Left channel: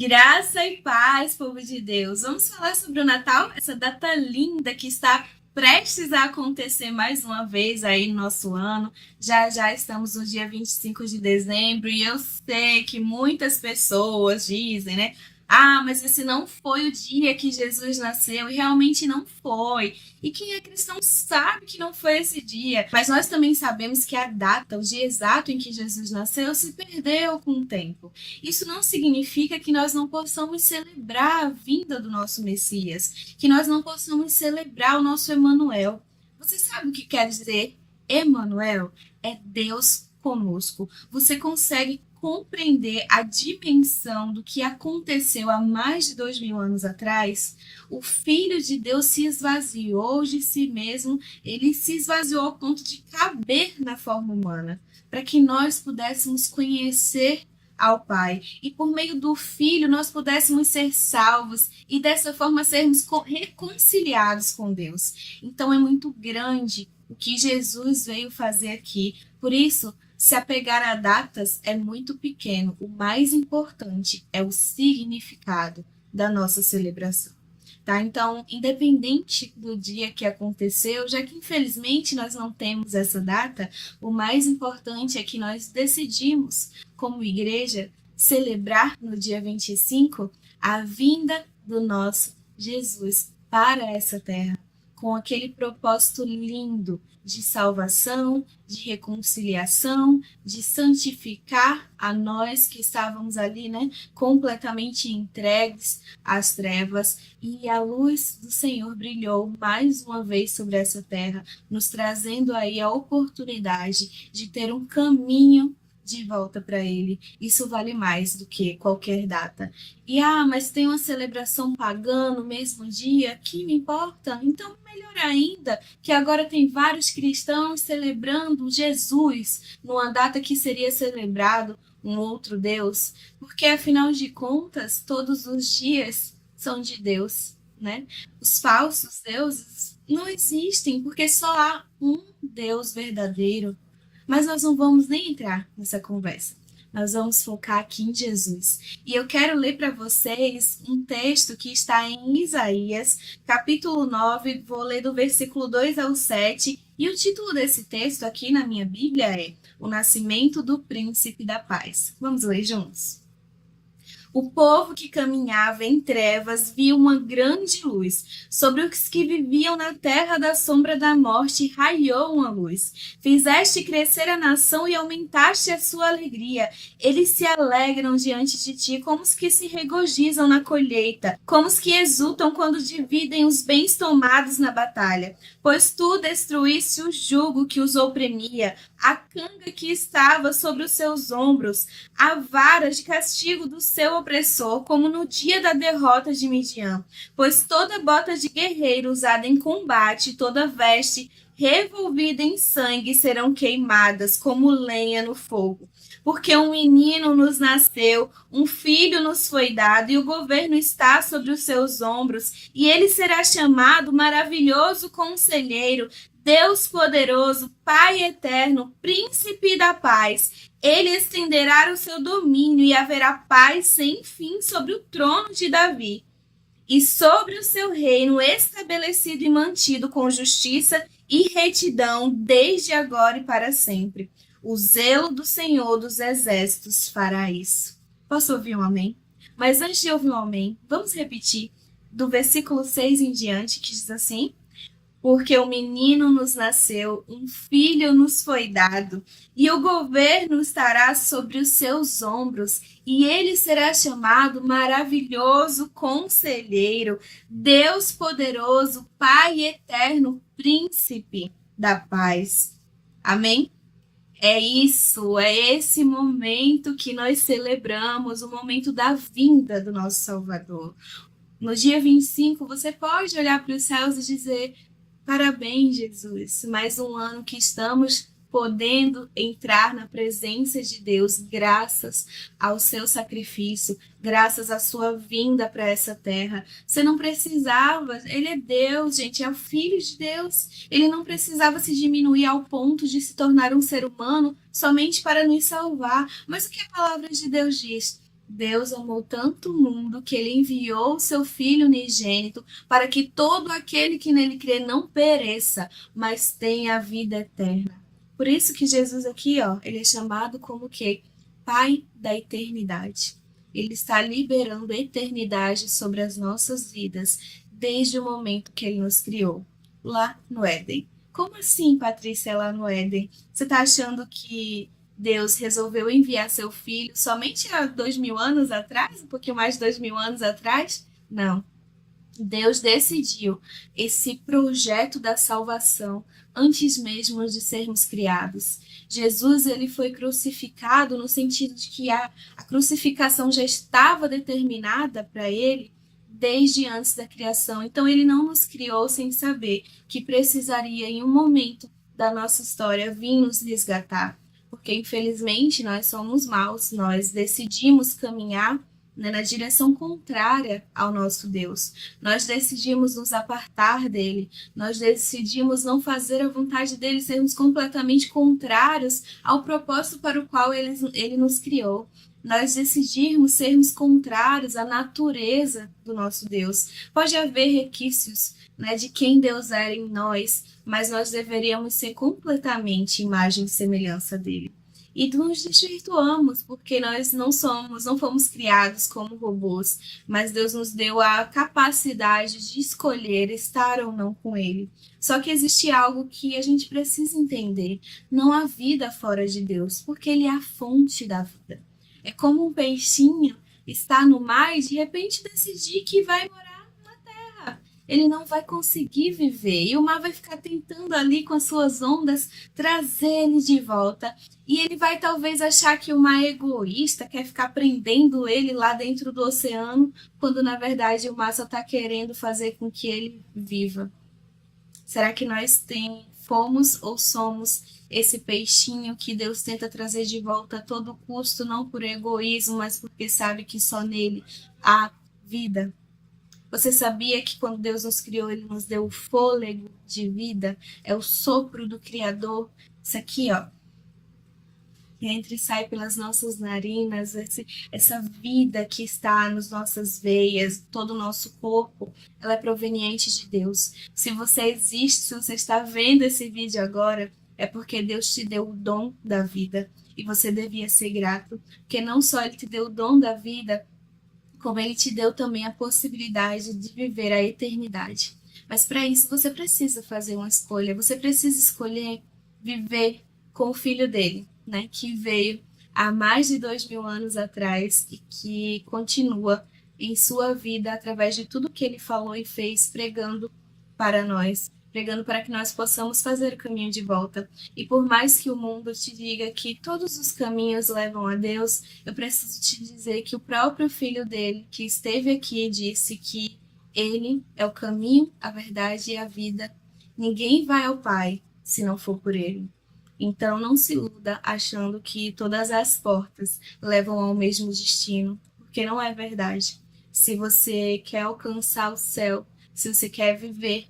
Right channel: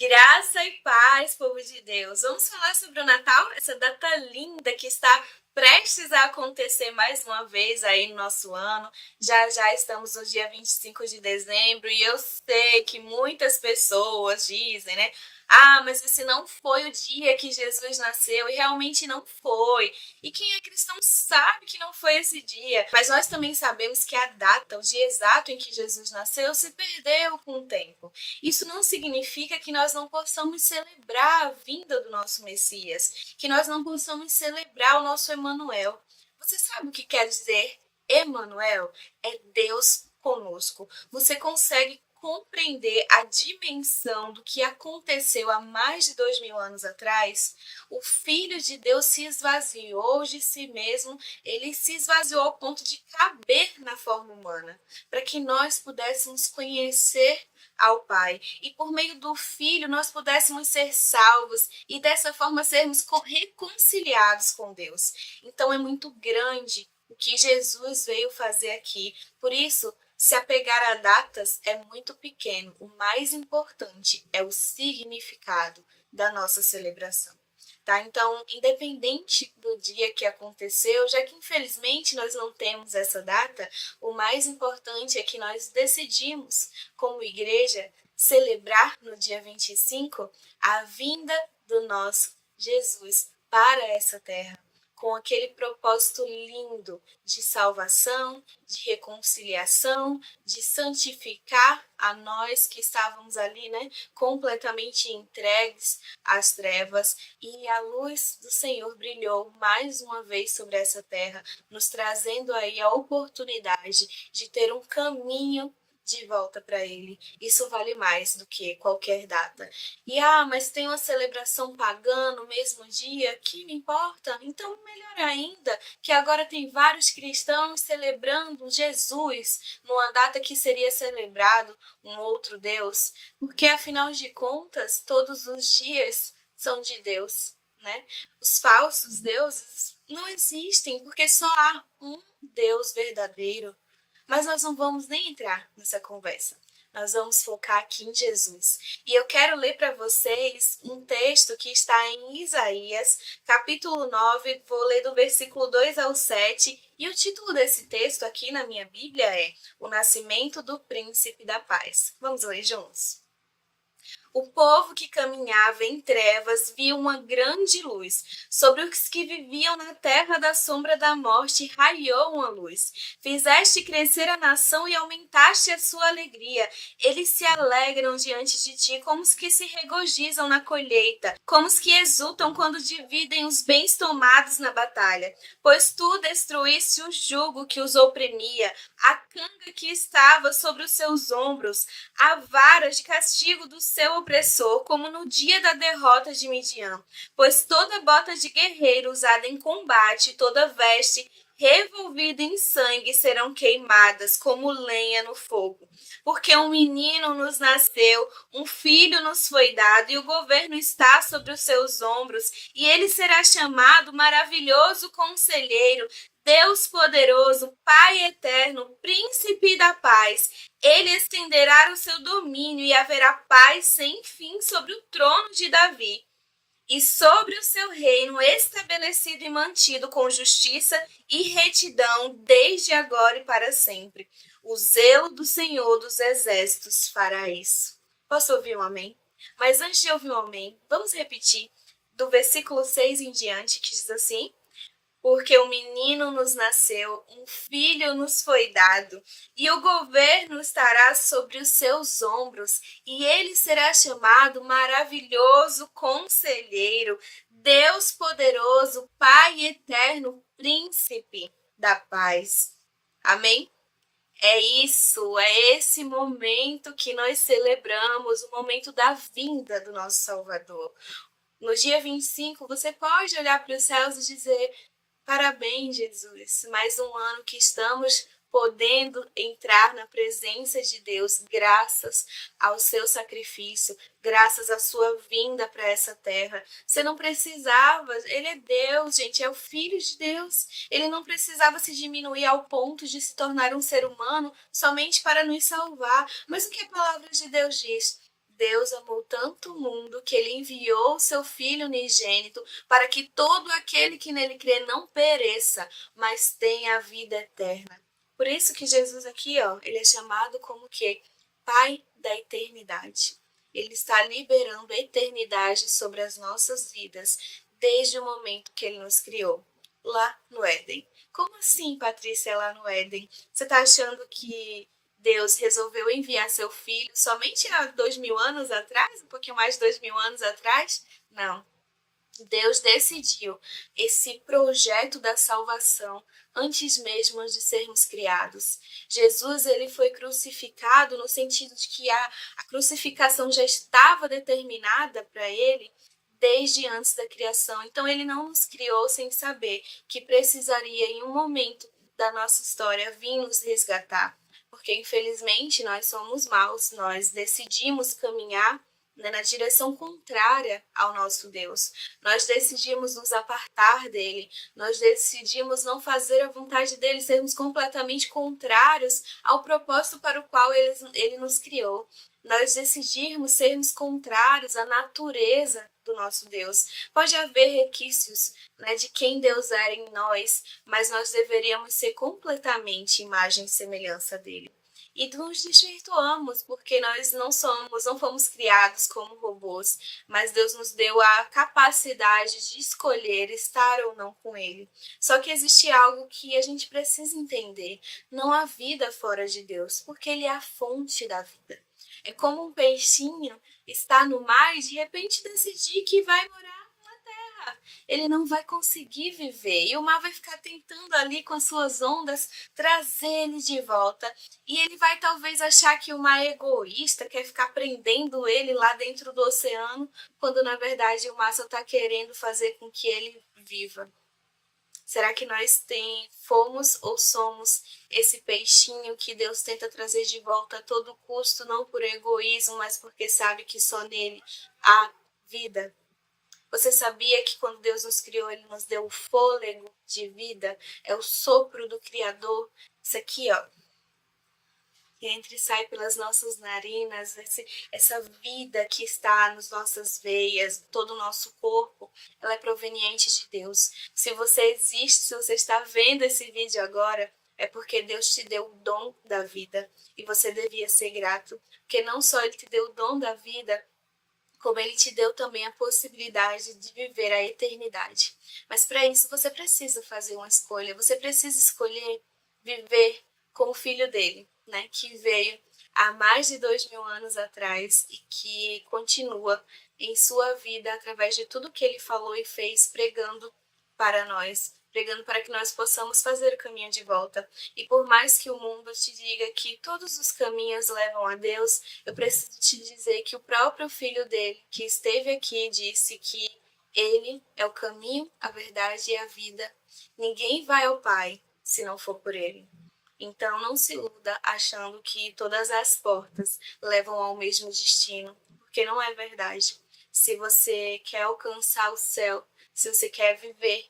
Graça e paz, povo de Deus. Vamos falar sobre o Natal, essa data linda que está prestes a acontecer mais uma vez aí no nosso ano. Já já estamos no dia 25 de dezembro e eu sei que muitas pessoas dizem, né? Ah, mas esse não foi o dia que Jesus nasceu, e realmente não foi. E quem é cristão sabe que não foi esse dia. Mas nós também sabemos que a data, o dia exato em que Jesus nasceu, se perdeu com o tempo. Isso não significa que nós não possamos celebrar a vinda do nosso Messias, que nós não possamos celebrar o nosso Emanuel. Você sabe o que quer dizer Emanuel? É Deus conosco. Você consegue compreender a dimensão do que aconteceu há mais de 2000 anos atrás? O Filho de Deus se esvaziou de si mesmo, ele se esvaziou ao ponto de caber na forma humana, para que nós pudéssemos conhecer ao Pai. E por meio do Filho nós pudéssemos ser salvos e dessa forma sermos reconciliados com Deus. Então é muito grande o que Jesus veio fazer aqui. Por isso, se apegar a datas é muito pequeno. O mais importante é o significado da nossa celebração. Tá? Então, independente do dia que aconteceu, já que infelizmente nós não temos essa data, o mais importante é que nós decidimos, como igreja, celebrar no dia 25 a vinda do nosso Jesus para essa terra, com aquele propósito lindo de salvação, de reconciliação, de santificar a nós que estávamos ali, né, completamente entregues às trevas, e a luz do Senhor brilhou mais uma vez sobre essa terra, nos trazendo aí a oportunidade de ter um caminho de volta para Ele. Isso vale mais do que qualquer data. Mas tem uma celebração pagã no mesmo dia, que me importa? Então, melhor ainda, que agora tem vários cristãos celebrando Jesus numa data que seria celebrado um outro Deus, porque afinal de contas, todos os dias são de Deus, né? Os falsos deuses não existem, porque só há um Deus verdadeiro. Mas nós não vamos nem entrar nessa conversa. Nós vamos focar aqui em Jesus. E eu quero ler para vocês um texto que está em Isaías, capítulo 9, vou ler do versículo 2 ao 7, e o título desse texto aqui na minha Bíblia é O Nascimento do Príncipe da Paz. Vamos ler juntos? O povo que caminhava em trevas viu uma grande luz. Sobre os que viviam na terra da sombra da morte raiou uma luz. Fizeste crescer a nação e aumentaste a sua alegria. Eles se alegram diante de ti como os que se regozijam na colheita, como os que exultam quando dividem os bens tomados na batalha. Pois tu destruíste o jugo que os oprimia, a canga que estava sobre os seus ombros, a vara de castigo do seu opressor, como no dia da derrota de Midian. Pois toda bota de guerreiro usada em combate, toda veste revolvida em sangue serão queimadas como lenha no fogo. Porque um menino nos nasceu, um filho nos foi dado, e o governo está sobre os seus ombros, e ele será chamado Maravilhoso Conselheiro, Deus Poderoso, Pai Eterno, Príncipe da Paz. Ele estenderá o seu domínio e haverá paz sem fim sobre o trono de Davi e sobre o seu reino estabelecido e mantido com justiça e retidão desde agora e para sempre. O zelo do Senhor dos Exércitos fará isso. Posso ouvir um amém? Mas antes de ouvir um amém, vamos repetir do versículo 6 em diante, que diz assim: porque um menino nos nasceu, um filho nos foi dado, e o governo estará sobre os seus ombros, e ele será chamado Maravilhoso Conselheiro, Deus Poderoso, Pai Eterno, Príncipe da Paz. Amém? É isso, é esse momento que nós celebramos, o momento da vinda do nosso Salvador. No dia 25, você pode olhar para os céus e dizer: parabéns, Jesus, mais um ano que estamos podendo entrar na presença de Deus, graças ao seu sacrifício, graças à sua vinda para essa terra. Você não precisava, ele é Deus, gente, é o Filho de Deus. Ele não precisava se diminuir ao ponto de se tornar um ser humano somente para nos salvar. Mas o que a palavra de Deus diz? Deus amou tanto o mundo que ele enviou o seu Filho unigênito para que todo aquele que nele crê não pereça, mas tenha a vida eterna. Por isso que Jesus aqui, ó, ele é chamado como que Pai da eternidade. Ele está liberando a eternidade sobre as nossas vidas desde o momento que ele nos criou, lá no Éden. Como assim, Patrícia, lá no Éden? Você está achando que Deus resolveu enviar seu filho somente há 2000 anos atrás, um pouquinho mais de 2000 anos atrás? Não. Deus decidiu esse projeto da salvação antes mesmo de sermos criados. Jesus ele foi crucificado no sentido de que a crucificação já estava determinada para ele desde antes da criação. Então ele não nos criou sem saber que precisaria em um momento da nossa história vir nos resgatar, porque infelizmente nós somos maus, nós decidimos caminhar, né, na direção contrária ao nosso Deus. Nós decidimos nos apartar dele, nós decidimos não fazer a vontade dele, sermos completamente contrários ao propósito para o qual ele nos criou. Nós decidimos sermos contrários à natureza do nosso Deus. Pode haver requisitos, né, de quem Deus era em nós, mas nós deveríamos ser completamente imagem e semelhança dele. E nos desvirtuamos, porque nós não fomos criados como robôs, mas Deus nos deu a capacidade de escolher estar ou não com Ele. Só que existe algo que a gente precisa entender: não há vida fora de Deus, porque Ele é a fonte da vida. É como um peixinho estar no mar e de repente decidir que vai morar na terra. Ele não vai conseguir viver e o mar vai ficar tentando ali com as suas ondas trazer ele de volta. E ele vai talvez achar que o mar é egoísta, quer ficar prendendo ele lá dentro do oceano, quando na verdade o mar só está querendo fazer com que ele viva. Será que nós fomos ou somos esse peixinho que Deus tenta trazer de volta a todo custo, não por egoísmo, mas porque sabe que só nele há vida? Você sabia que quando Deus nos criou, Ele nos deu o fôlego de vida? É o sopro do Criador. Isso aqui, ó, que entra e sai pelas nossas narinas, essa vida que está nas nossas veias, todo o nosso corpo, ela é proveniente de Deus. Se você existe, se você está vendo esse vídeo agora, é porque Deus te deu o dom da vida. E você devia ser grato, porque não só Ele te deu o dom da vida, como Ele te deu também a possibilidade de viver a eternidade. Mas para isso você precisa fazer uma escolha, você precisa escolher viver com o Filho dele, né, que veio há mais de 2000 anos atrás e que continua em sua vida através de tudo que ele falou e fez, pregando para nós, pregando para que nós possamos fazer o caminho de volta. E por mais que o mundo te diga que todos os caminhos levam a Deus, eu preciso te dizer que o próprio Filho dele, que esteve aqui, disse que ele é o caminho, a verdade e a vida. Ninguém vai ao Pai se não for por ele. Então não se iluda achando que todas as portas levam ao mesmo destino, porque não é verdade. Se você quer alcançar o céu, se você quer viver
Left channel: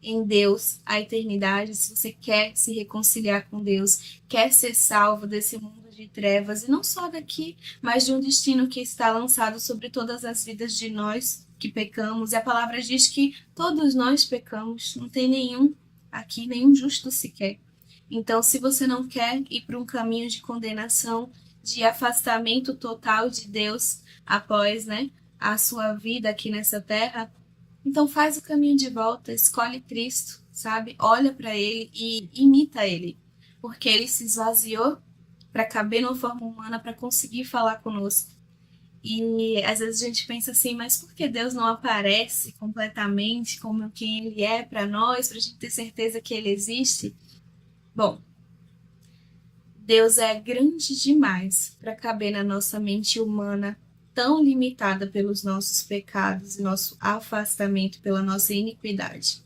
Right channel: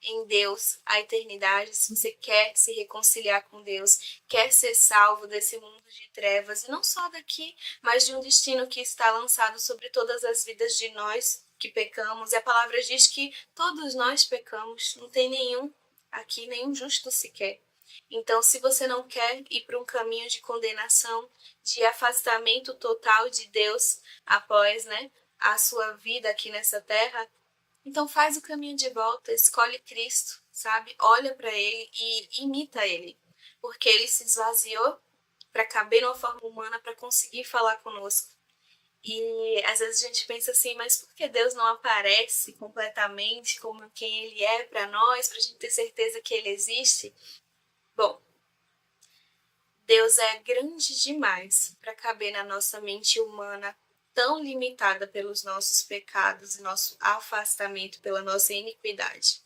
em Deus a eternidade, se você quer se reconciliar com Deus, quer ser salvo desse mundo de trevas, e não só daqui, mas de um destino que está lançado sobre todas as vidas de nós que pecamos, e a palavra diz que todos nós pecamos, não tem nenhum aqui, nenhum justo sequer. Então, se você não quer ir para um caminho de condenação, de afastamento total de Deus após, né, a sua vida aqui nessa terra, então faz o caminho de volta, escolhe Cristo, sabe? Olha para Ele e imita Ele, porque Ele se esvaziou para caber numa forma humana, para conseguir falar conosco. E às vezes a gente pensa assim, mas por que Deus não aparece completamente como quem Ele é para nós, para a gente ter certeza que Ele existe? Bom, Deus é grande demais para caber na nossa mente humana, tão limitada pelos nossos pecados e nosso afastamento pela nossa iniquidade.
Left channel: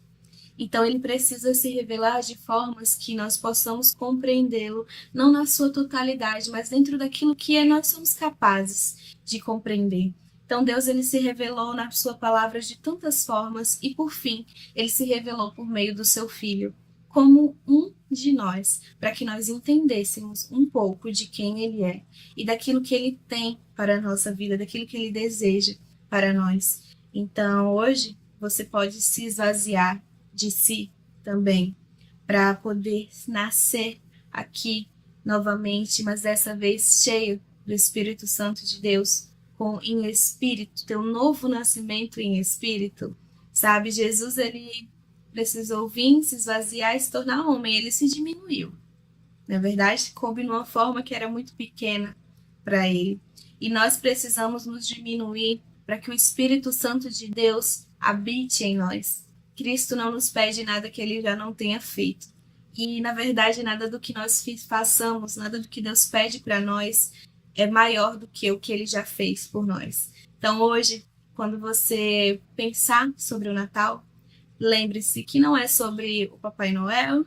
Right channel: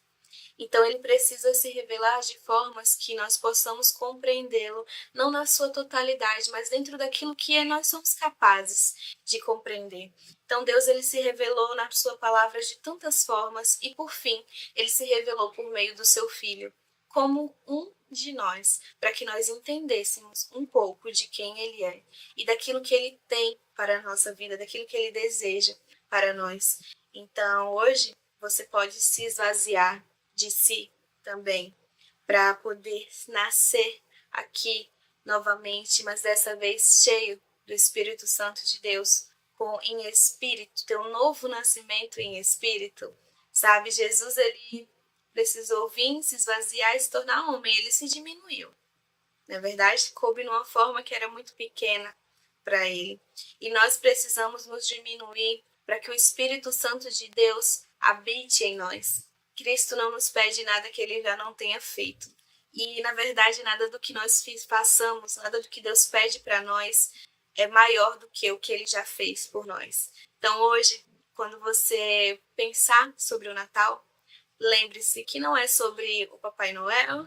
Então ele precisa se revelar de formas que nós possamos compreendê-lo, não na sua totalidade, mas dentro daquilo que nós somos capazes de compreender. Então Deus ele se revelou na sua palavra de tantas formas e por fim ele se revelou por meio do seu Filho. como um de nós, para que nós entendêssemos um pouco de quem Ele é e daquilo que Ele tem para a nossa vida, daquilo que Ele deseja para nós. Então, hoje, você pode se esvaziar de si também, para poder nascer aqui novamente, mas dessa vez cheio do Espírito Santo de Deus, em espírito, ter um novo nascimento em espírito. Sabe, Jesus, ele precisou vir, se esvaziar e se tornar homem, ele se diminuiu. Na verdade, coube numa forma que era muito pequena para ele. E nós precisamos nos diminuir para que o Espírito Santo de Deus habite em nós. Cristo não nos pede nada que ele já não tenha feito. E, na verdade, nada do que nós façamos, nada do que Deus pede para nós é maior do que o que ele já fez por nós. Então, hoje, quando você pensar sobre o Natal, lembre-se que não é sobre o Papai Noel,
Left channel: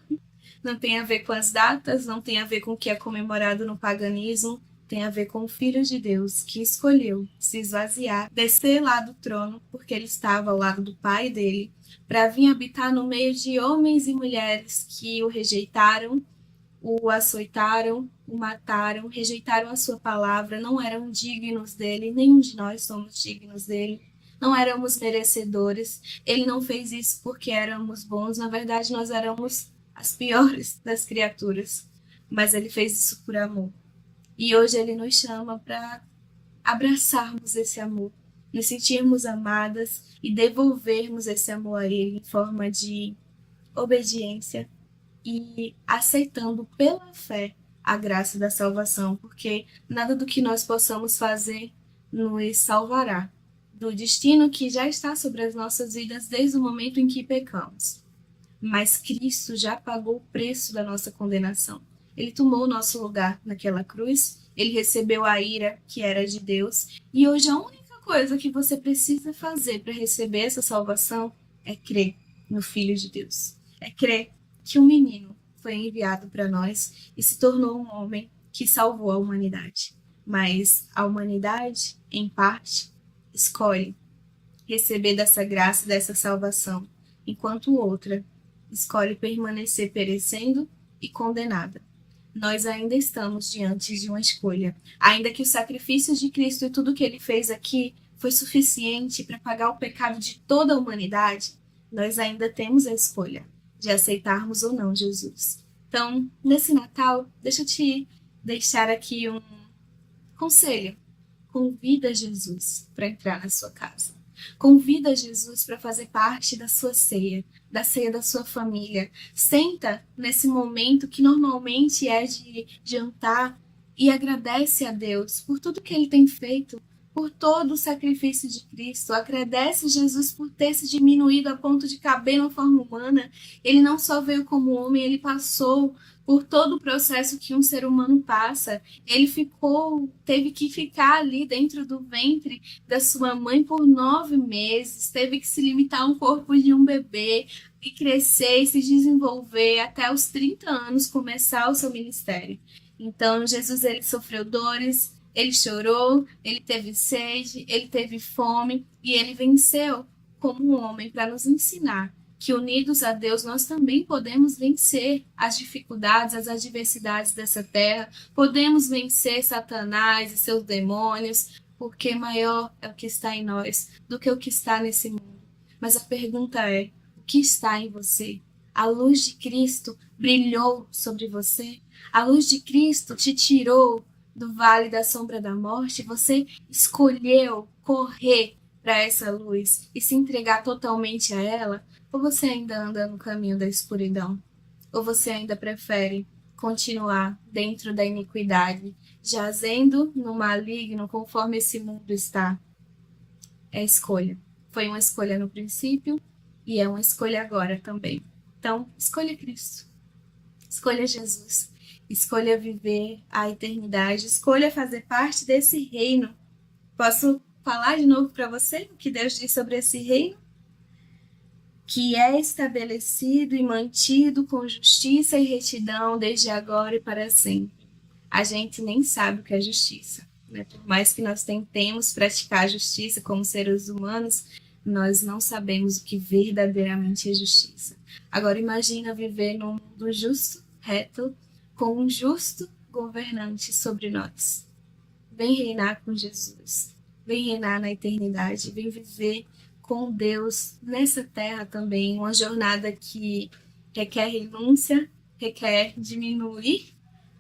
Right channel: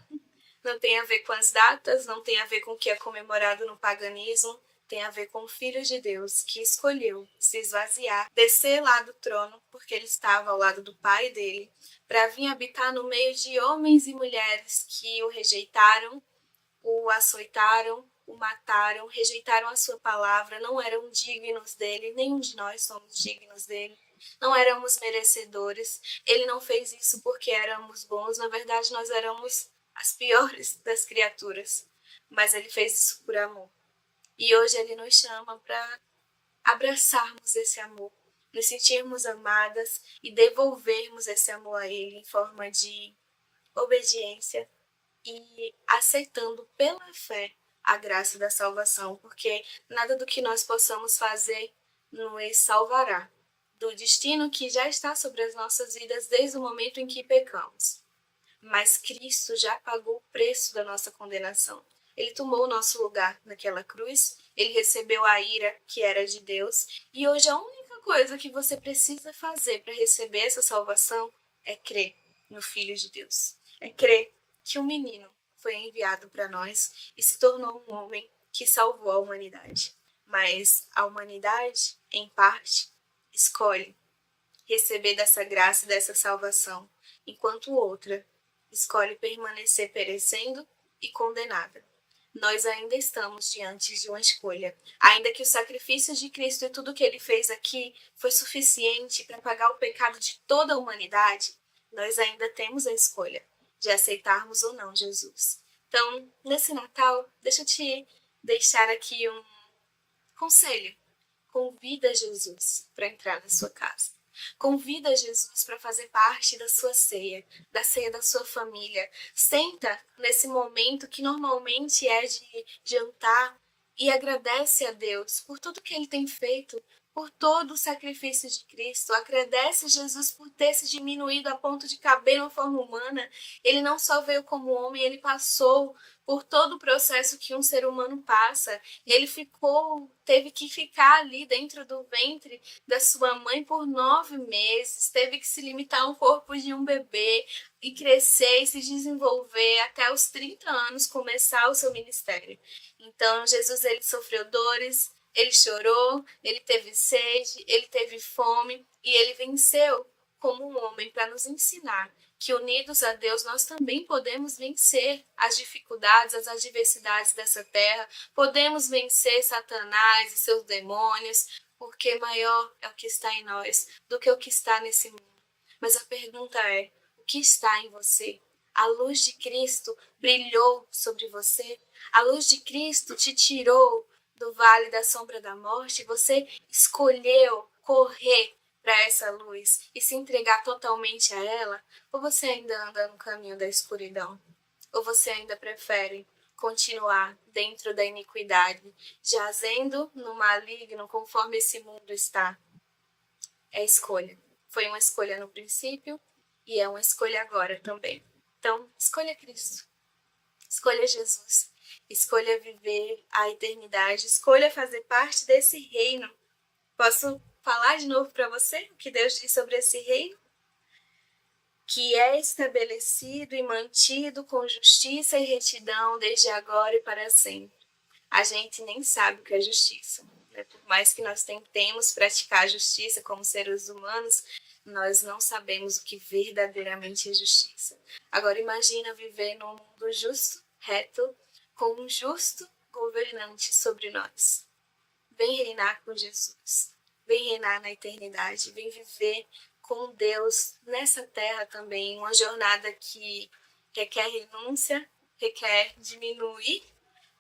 não tem a ver com as datas, não tem a ver com o que é comemorado no paganismo, tem a ver com o Filho de Deus que escolheu se esvaziar, descer lá do trono, porque ele estava ao lado do Pai dele, para vir habitar no meio de homens e mulheres que o rejeitaram, o açoitaram, o mataram, rejeitaram a sua palavra, não eram dignos dele, nenhum de nós somos dignos dele, não éramos merecedores. Ele não fez isso porque éramos bons, na verdade nós éramos as piores das criaturas, mas ele fez isso por amor. E hoje ele nos chama para abraçarmos esse amor, nos sentirmos amadas e devolvermos esse amor a ele em forma de obediência e aceitando pela fé a graça da salvação, porque nada do que nós possamos fazer nos salvará do destino que já está sobre as nossas vidas desde o momento em que pecamos. Mas Cristo já pagou o preço da nossa condenação. Ele tomou o nosso lugar naquela cruz, ele recebeu a ira que era de Deus, e hoje a única coisa que você precisa fazer para receber essa salvação é crer no Filho de Deus. É crer que um menino foi enviado para nós e se tornou um homem que salvou a humanidade. Mas a humanidade, em parte, escolhe receber dessa graça, dessa salvação, enquanto outra escolhe permanecer perecendo e condenada. Nós ainda estamos diante de uma escolha. Ainda que o sacrifício de Cristo e tudo que ele fez aqui foi suficiente para pagar o pecado de toda a humanidade, nós ainda temos a escolha de aceitarmos ou não Jesus. Então, nesse Natal, deixa eu te deixar aqui um conselho. Convida Jesus para entrar na sua casa. Convida Jesus para fazer parte da sua ceia, da ceia da sua família. Senta nesse momento que normalmente é de jantar e agradece a Deus por tudo que ele tem feito, por todo o sacrifício de Cristo. Agradece a Jesus por ter se diminuído a ponto de caber numa forma humana. Ele não só veio como homem, ele passou por todo o processo que um ser humano passa. Ele teve que ficar ali dentro do ventre da sua mãe por 9 meses, teve que se limitar ao corpo de um bebê e crescer e se desenvolver até os 30 anos começar o seu ministério. Então, Jesus, ele sofreu dores, ele chorou, ele teve sede, ele teve fome e ele venceu como um homem para nos ensinar que unidos a Deus nós também podemos vencer as dificuldades, as adversidades dessa terra, podemos vencer Satanás e seus demônios, porque maior é o que está em nós do que o que está nesse mundo. Mas a pergunta é, o que está em você? A luz de Cristo brilhou sobre você? A luz de Cristo te tirou do vale da sombra da morte? Você escolheu correr para essa luz e se entregar totalmente a ela? Ou você ainda anda no caminho da escuridão? Ou você ainda prefere continuar dentro da iniquidade, jazendo no maligno conforme esse mundo está? É escolha. Foi uma escolha no princípio e é uma escolha agora também. Então, escolha Cristo. Escolha Jesus. Escolha viver a eternidade. Escolha fazer parte desse reino. Posso falar de novo para você o que Deus diz sobre esse reino? Que é estabelecido e mantido com justiça e retidão desde agora e para sempre. A gente nem sabe o que é justiça, né? Por mais que nós tentemos praticar a justiça como seres humanos, nós não sabemos o que verdadeiramente é justiça. Agora imagina viver num mundo justo, reto, com um justo governante sobre nós. Vem reinar com Jesus, vem reinar na eternidade, vem viver com Deus nessa terra também, uma jornada que requer renúncia, requer diminuir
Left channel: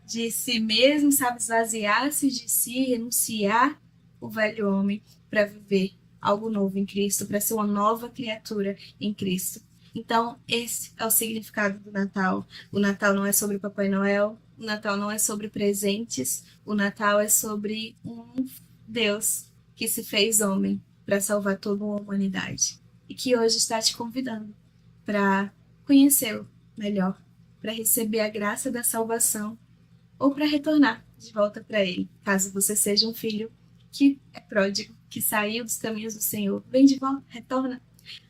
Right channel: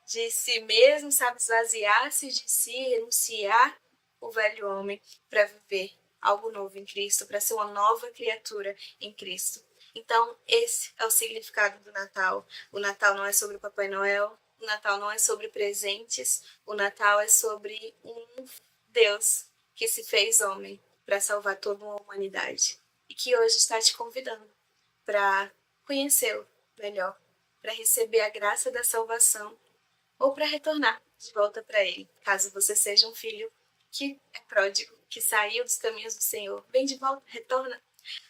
de si mesmo, sabe, esvaziar-se de si, renunciar o velho homem para viver algo novo em Cristo, para ser uma nova criatura em Cristo. Então, esse é o significado do Natal. O Natal não é sobre o Papai Noel, o Natal não é sobre presentes, o Natal é sobre um Deus que se fez homem para salvar toda uma humanidade e que hoje está te convidando para conhecê-lo melhor, para receber a graça da salvação ou para retornar de volta para ele, caso você seja um filho que é pródigo, que saiu dos caminhos do Senhor. Vem de volta, retorna.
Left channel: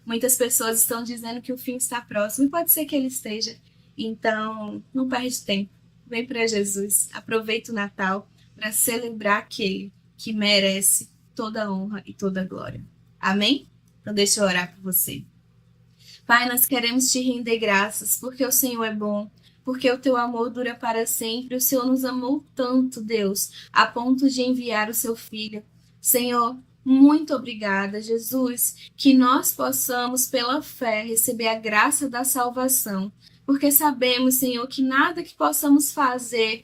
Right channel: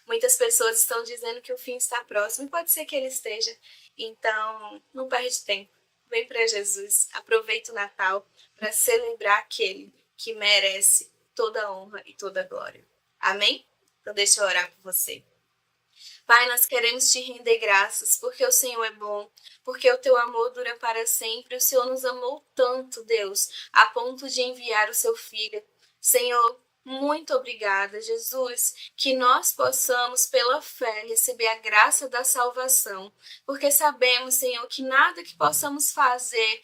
Muitas pessoas estão dizendo que o fim está próximo e pode ser que ele esteja. Então, não perde tempo. Vem para Jesus, aproveita o Natal para celebrar aquele que merece toda a honra e toda a glória. Amém? Então deixa eu orar por você. Pai, nós queremos te render graças, porque o Senhor é bom, porque o teu amor dura para sempre. O Senhor nos amou tanto, Deus, a ponto de enviar o seu Filho. Senhor, muito obrigada, Jesus, que nós possamos, pela fé, receber a graça da salvação, porque sabemos, Senhor, que nada que possamos fazer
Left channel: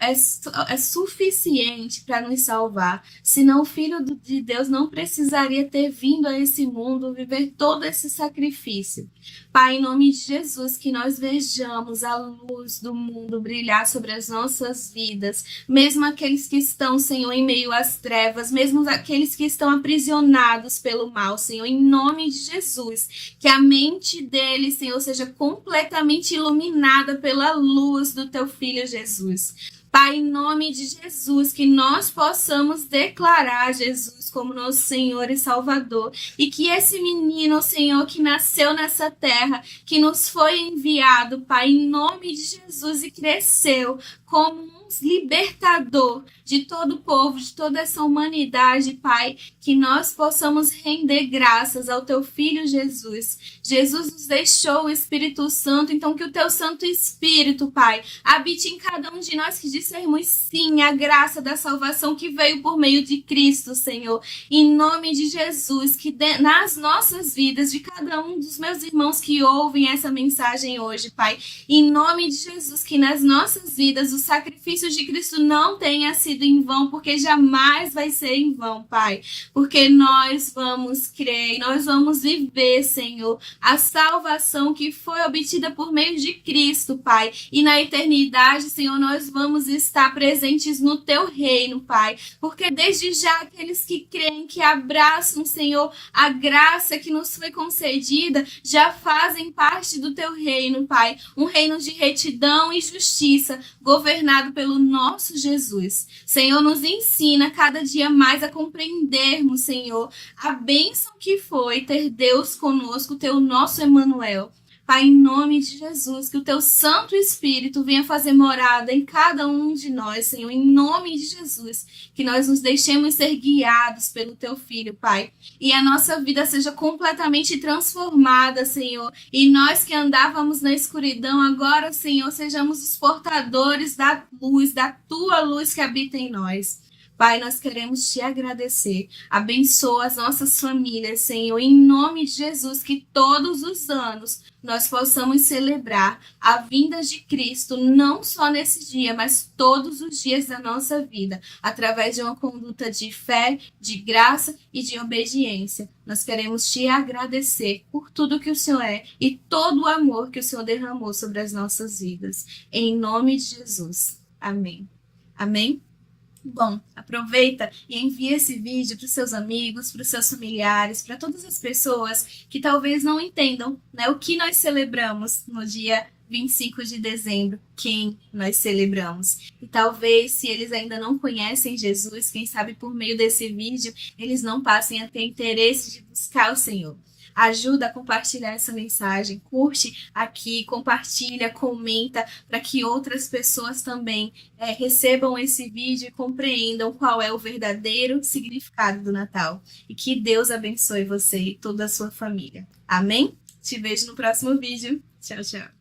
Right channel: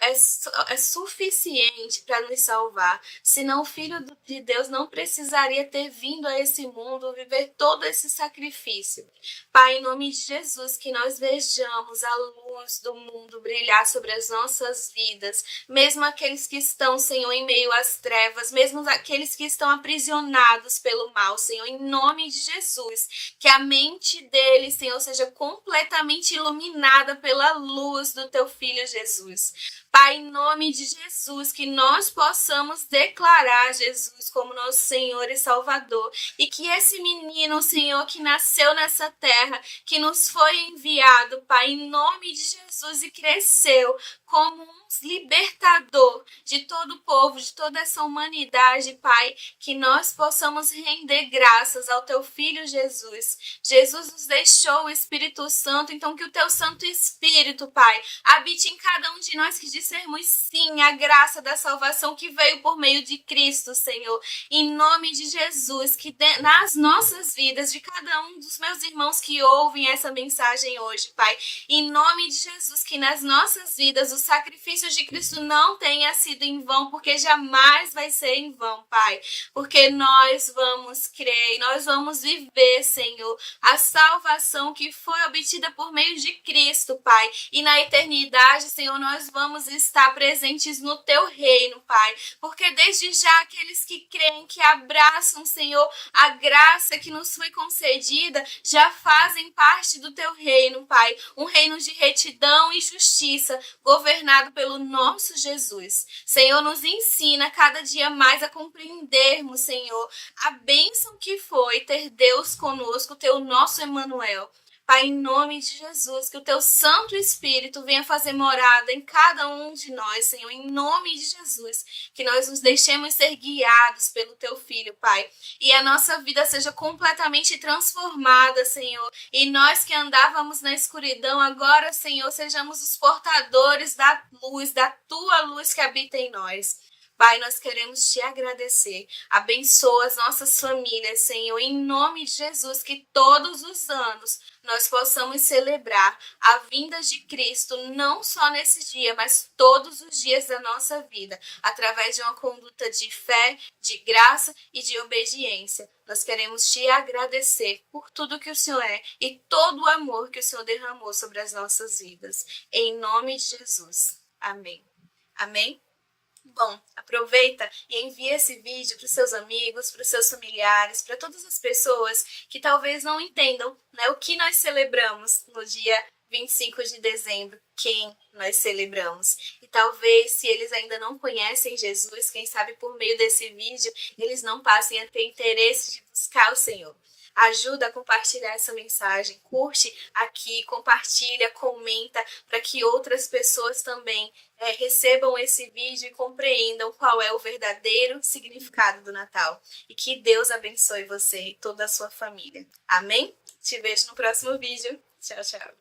é suficiente para nos salvar, senão o Filho de Deus não precisaria ter vindo a esse mundo viver todo esse sacrifício. Pai, em nome de Jesus, que nós vejamos a luz do mundo brilhar sobre as nossas vidas, mesmo aqueles que estão, Senhor, em meio às trevas, mesmo aqueles que estão aprisionados pelo mal, Senhor, em nome de Jesus, que a mente deles, Senhor, seja completamente iluminada pela luz do teu Filho Jesus. Pai, em nome de Jesus, que nós possamos declarar Jesus como nosso Senhor e Salvador, e que esse menino, Senhor, que nasceu nessa terra, que nos foi enviado, Pai, em nome de Jesus, e cresceu como um libertador de todo o povo, de toda essa humanidade, Pai, que nós possamos render graças ao teu Filho Jesus. Jesus nos deixou o Espírito Santo, então que o teu Santo Espírito, Pai, habite em cada um de nós, que dissermos sim a graça da salvação que veio por meio de Cristo, Senhor. Em nome de Jesus, que nas nossas vidas, de cada um dos meus irmãos que ouvem essa mensagem hoje, Pai, em nome de Jesus, que nas nossas vidas o sacrifício de Cristo não tenha sido em vão, porque jamais vai ser em vão, Pai, porque nós vamos crer, nós vamos viver, Senhor, a salvação que foi obtida por meio de Cristo, Pai, e na eternidade, Senhor, nós vamos estar presentes no teu reino, Pai, porque desde já aqueles que creem, que abraçam, Senhor, a graça que nos foi concedida, já fazem parte do teu reino, Pai, um reino de retidão e justiça, governado pelo nosso Jesus. Senhor, nos ensina cada dia mais a compreendermos, Senhor, a bênção que foi ter Deus conosco, ter o nosso Emmanuel. Pai, em nome de Jesus, que o teu Santo Espírito venha fazer morada em cada um de nós, Senhor, em nome de Jesus, que nós nos deixemos ser guiados pelo teu Filho, Pai, e a nossa vida seja completamente transformada, Senhor, e nós que andávamos na escuridão, agora, Senhor, sejamos os portadores da tua luz que habita em nós. Pai, nós queremos te agradecer. Abençoa as nossas famílias, Senhor, em nome de Jesus, que todos os anos nós possamos celebrar a vinda de Cristo, não só nesse dia, mas todos os dias da nossa vida, através de uma conduta de fé, de graça e de obediência. Nós queremos te agradecer por tudo que o Senhor é e todo o amor que o Senhor derramou sobre as nossas vidas. Em nome de Jesus. Amém. Amém? Bom, aproveita e envia esse vídeo para os seus amigos, para os seus familiares, para todas as pessoas que talvez não entendam, né, o que nós celebramos no dia 25 de dezembro, quem nós celebramos. E talvez, se eles ainda não conhecem Jesus, quem sabe por meio desse vídeo, eles não passem a ter interesse de buscar o Senhor. ajuda a compartilhar essa mensagem, curte aqui, compartilha, comenta, para que outras pessoas também recebam esse vídeo e compreendam qual é o verdadeiro significado do Natal. E que Deus abençoe você e toda a sua família. Amém? Te vejo no próximo vídeo. Tchau, tchau.